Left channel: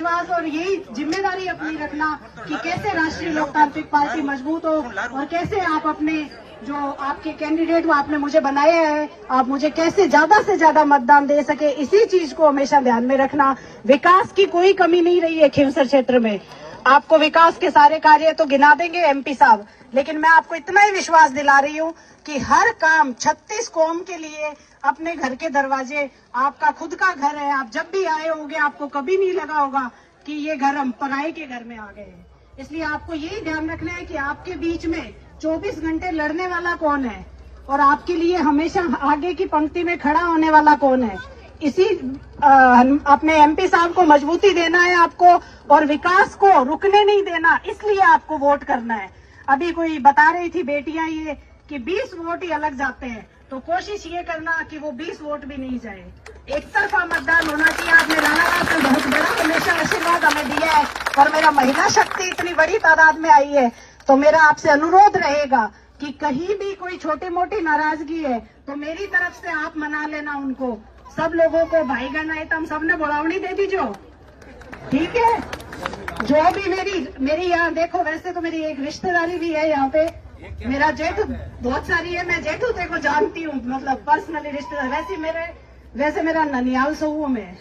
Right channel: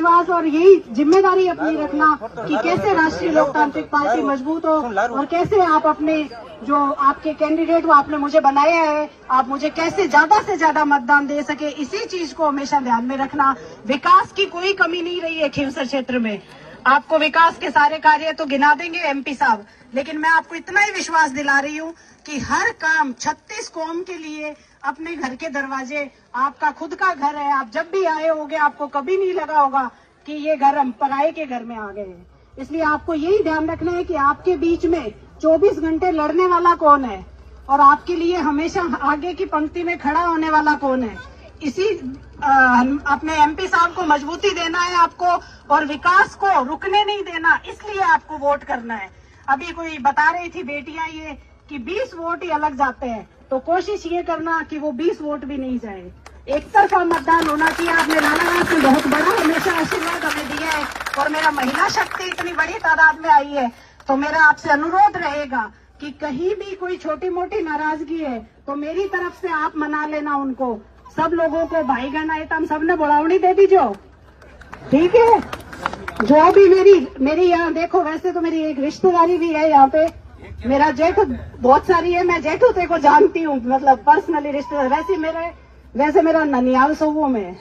विश्वास और यही जिम्मेदारी अपनी रखना कि कैसे राष्ट्रीय लोकतांत्रिक पार्टी मजबूत हो और कैसे आप अपने जो आपके कैंडिडेट वो आपने मुझे बनाया है, आप मुझे कैसे ज्यादा से ज्यादा मतदान दे सके, इसी चीज को हमेशा ध्यान में रखना। विकास की कोई कमी नहीं रही है खींवसर क्षेत्र में। आपको विकास के सारे कार्य तो गिना देंगे एमपी साहब, लेकिन मैं आपको इतना ही विश्वास दिला रही हूँ कि हर काम 36 कौम के लिए अपने घर के दरवाजे, आपका खुद का घर है, आप जब भी आए होंगे आपको कभी नहीं लगा होगा कि ये घर हम पराये के घर में आ गए हैं। इसलिए आपको यही ध्यान रखना है कि आपके बीच में 24 घंटे लड़ने वाला कौन है और आपके लिए हमेशा आगे की पंक्ति में खड़ा होने वाला कौन है। इसी अपने एमपी साहब को मजबूती देना है आपको और विकास को रुकने नहीं देना, इसलिए आपको वोट करना है। अभी कोई बता रही थी बेटियां ये कि 20 वोट ही अलग जाते हैं, तो कोशिश ये करना कि वो 20 वोट भी नहीं जाए। एक तरफा मतदान होना चाहिए। आपने लालावास से बहुत बड़ा हमेशा आशीर्वाद हमें दिया है और मेरा महिला शक्ति इतनी बड़ी तादाद में आई है, तो मेरा आपसे अनुरोध रहेगा कि कहीं भी कोई छोटी मोटी नाराजगी है तो मेरी तरफ से आप मना लेना उनको। सब लोगों को भाई बहन आए तो हम सबने बुलावनी दे दीजो, ठीक है। जो भी मेरी यहाँ देखो, वैसे तो मेरी एक रिश्तेदारी भी है यहाँ पे, मेरा जेठ बहुत सारी है, मैं जेठू ते को जानती हूँ, मतलब पर्सनली रिश्तेदार। वैसे मेरा ननियाल सऊ में है,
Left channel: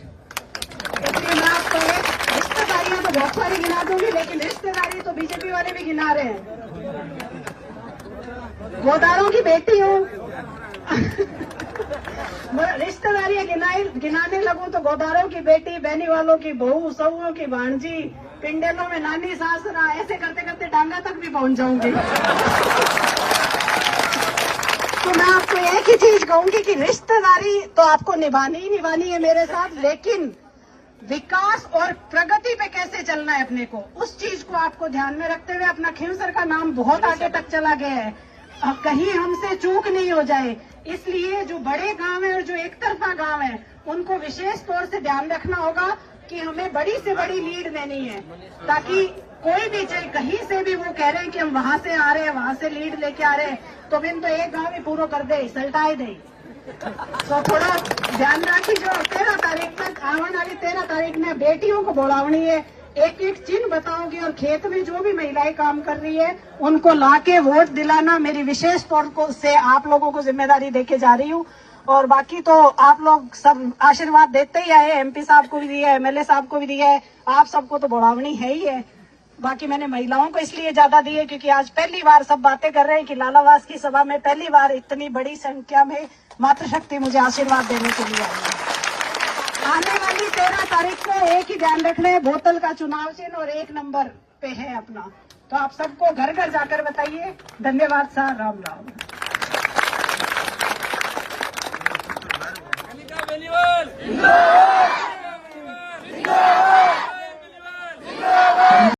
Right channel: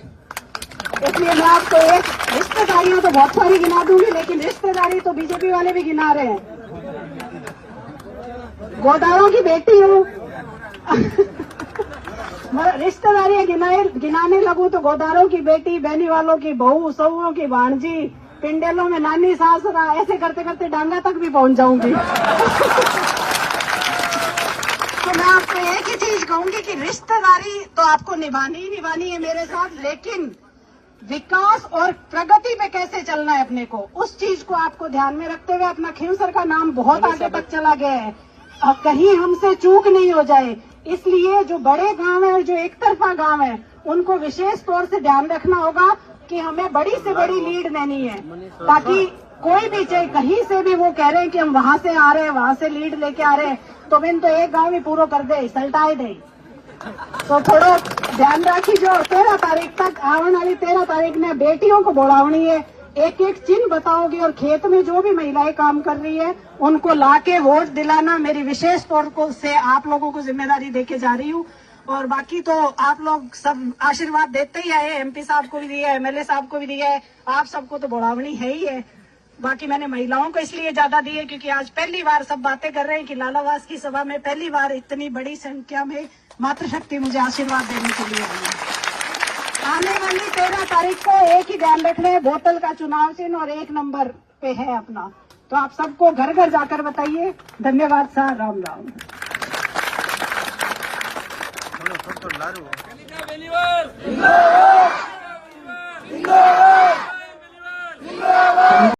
इसलिए मैं आपको एक रिश्तेदारियां तो बहुत सारी गिना दूंगी, लेकिन रिश्तेदारी तो बीजेपी वाले भी गिना रहे हैं। गोदारों की बेटी हूँ रिश्तेदारियां गिनाने लगूं तो गोदारों की बेटी, बहनी वालों की बहू, सऊओं की भांजी, पिंडेलों में नानी सासरा, ऐसे करते करते डांगा तक भी पहुंच जाऊंगी। तो मैं आपको एक ही चीज कहूंगी कि रिश्तेदारी तो आपको निभानी ही निभानी है मेरे साथ, लेकिन विकास और प्रगति पे कैसे चलना है अपने को, उस चीज को आपको ध्यान में रखते हुए अपना खींवसर का नाम बहुत आगे तक चला गया है, कहीं हमसे चूक नहीं हो जाए। इसलिए जो बड़े गांव है और जो एक तरफा गांव है उनको विशेष तौर से ध्यान रखना होगा कि हमें बड़ी से बड़ी लीड देनी है, ताकि कोई भी चाहे कहीं से भी वो कह रहे हैं कि हम वहां से आ रहे हैं, वहां से लीड लेके आ रहे हैं, तो मैंने तो एक गांव ही पूरा कर दे, सल्टाए दे। तो थोड़ा ध्यान रखी, जो 13 तारीख तक आने वाली 13 तारीख में बेटियों को बोलावनी है, एक एक चिन्ह बताओगे और खेत में जो भी महिलाएं काम कर रही है उनको लाके वोट दिलाना मेरी विशेष तौर से आप लोगों को जिम्मेदारी देके जा रही हूँ। और बाकी तो आप लोग सब आशीर्वाद देते ही आए, एमपी साहब को भी दिया है, एमएलए साहब को भी दिया है, आप सबको तो बढ़ावनी है ही है। बाकी मैंने महिलाओं को इसलिए ज्यादा दी है क्योंकि आज पहली बार सब बातें कर रहे हैं कि लालावास की सभा में पहली बार इतनी बड़ी संख्या में मातृशक्ति मुझे आशीर्वाद देने के लिए आई है। आने वाली 13 तारीख को एक ही ध्यान रखना है, बोतल का चुनाव चिन्ह और 1 नंबर पे है अपना, तो आप सबको घर घर जाकर बताइए। धन्यवाद सर, राम राम।